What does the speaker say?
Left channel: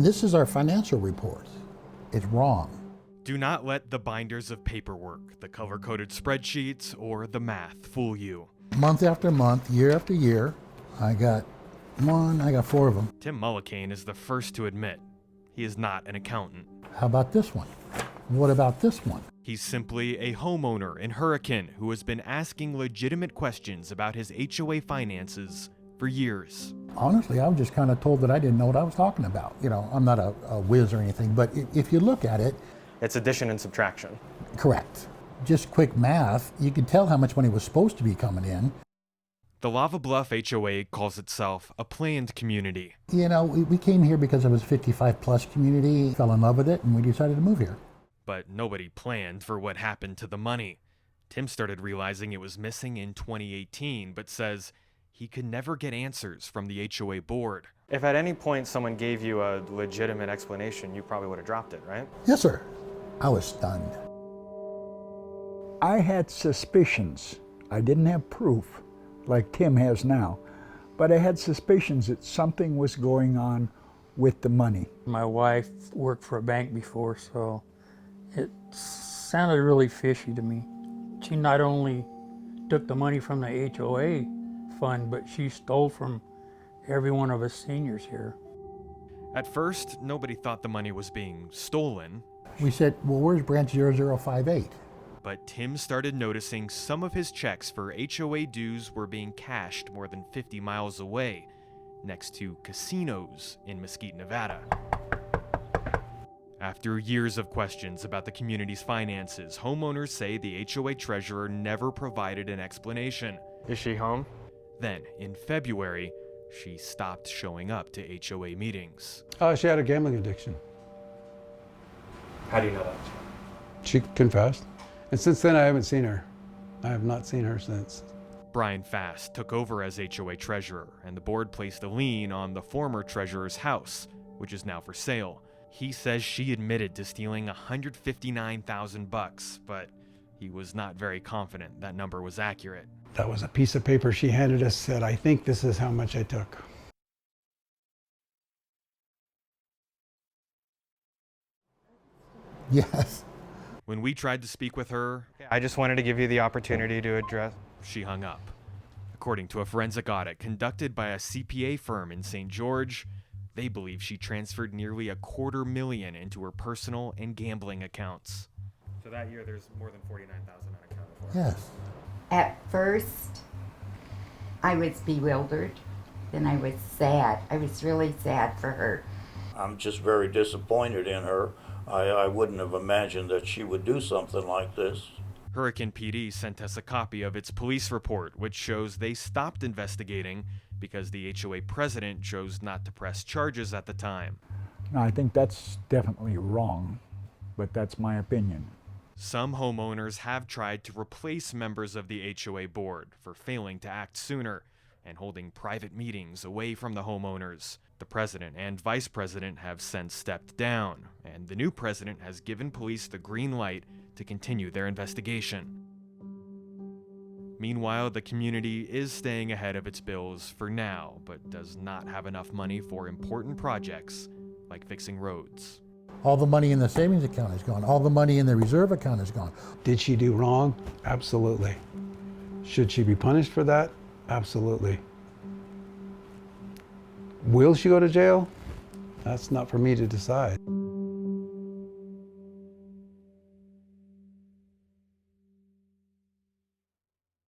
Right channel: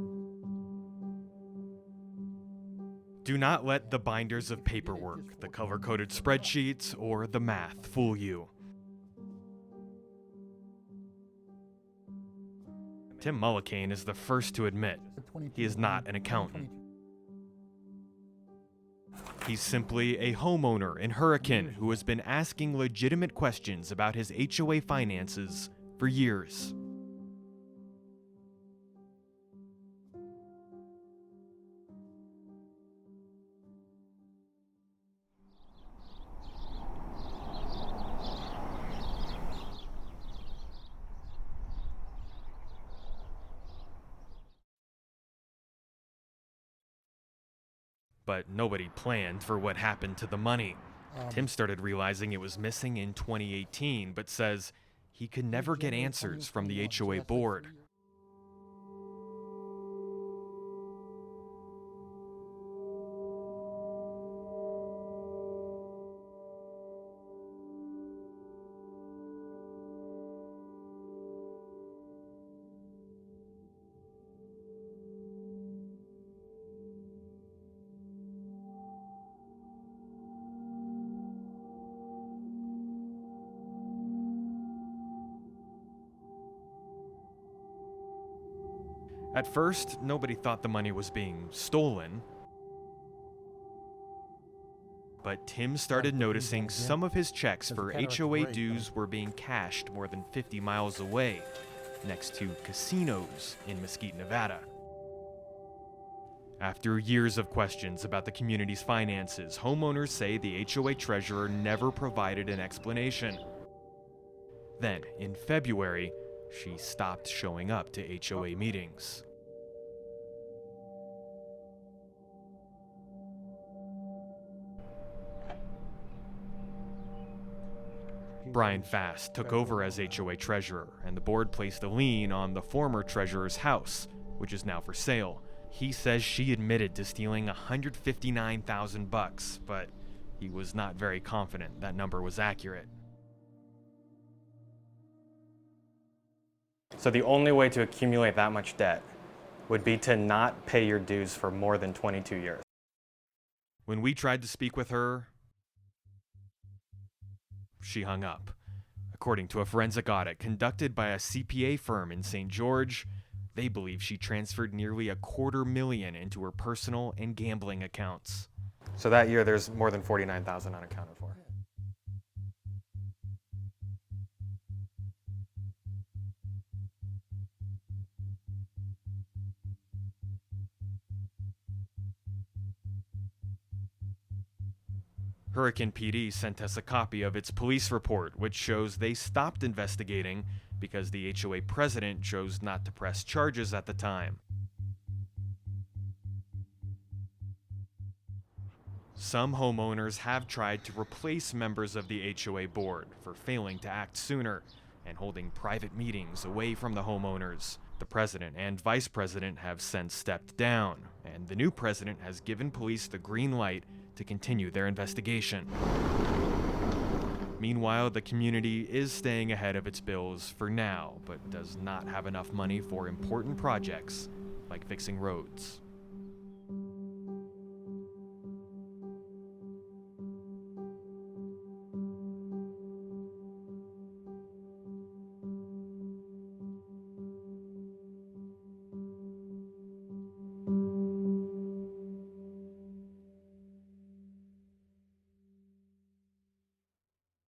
This is our financial report. It's wrong. Do not let the binders of paperwork, the color-coded spreadsheets, or the math fool you. Month after month, year after year, I got 4 of them. Tim Mullican is the first to admit he is not an accountant. How about this one? What about this one? He's simply a homeowner in Hurricane who has been asking legitimate questions about his HOA finances for years. Honestly, I was just kind of told that I didn't know what I was talking about. You know, I'm not a whiz or anything, but if you look at it, it's addition and subtraction. Correct. Just quick math, you can tell how much money was supposed to be coming in. The Lava Bluff HOA calls itself a planned community. You know, we came here because it was a 55-plus community, fell in love with it, and we decided to move here. But nobody planned for what happened to the money. Tim started realizing it was missing in 2018, but says he could never get answers from the HOA board. If at any point someone gave you a legitimate explanation, you probably would have dropped it, right? Yes, sir. I was stunned. I had suspicions. I didn't have proof like Tim has now, but I had suspicions that something was going on with the money. My wife worked for a bank before, so it sounded really fishy to me. She not only took the money from the HOA fund, but she stole from every one of us seniors here. At first, nobody thought the money was being stolen. We said, well, where's branch 0058? But Tim started noticing some of his checks for HOA dues were being cashed more than 50 miles away, next to casinos in Mesquite, Nevada. After years of questions about the community's finances, homeowners say the HOA treasurer never provided an explanation. Is she home? Then, in February, she stopped showing up to HOA meetings. She had a gambling addiction. How do you know that? She confessed. And since then, I haven't seen her. I have not seen her since. Brian Fast took over as HOA treasurer, and the board placed a lien on the former treasurer's house, which is now for sale. He says she admitted to stealing $159,000, but he was not very confident that number was accurate. That was a piece of paper she handed us, said, I think this is how much I took. So the only way to accumulate that much debt would be to not pay your dues for more than 22 years. Yes. When we tried to speak with her, I just wanted to give you the opportunity to address. She hung up. According to a forensic audit conducted by a CPA firm in St. George, they believe she transferred nearly $250,000 into her personal and gambling accounts. So that year, there's more than $49,000 unaccounted for. Yes. At first, I was bewildered. Then I was sad. I was really sad for her. I'm just very disappointed in her. I wouldn't have imagined that she would do something like this. Hurricane PD sent us a copy of its police report, which shows they stopped investigating because the HOA president chose not to press charges at the time. Now, I think that's definitely wrong, but that's my opinion. Some homeowners have tried to replace members of the HOA board for failing to act sooner and holding private meetings away from the homeowners. The president and vice president have since stepped down, and the new president has given police the green light to continue their investigation. Meanwhile, the community is staying ahead of its bills for now, but does not have enough money for important projects like fixing roads. All the money in the savings account is gone. All the money in the reserve account is gone. Did she do wrong? Absolutely. Should she be punished for that? Absolutely. Will she go to jail? That's not for me to decide.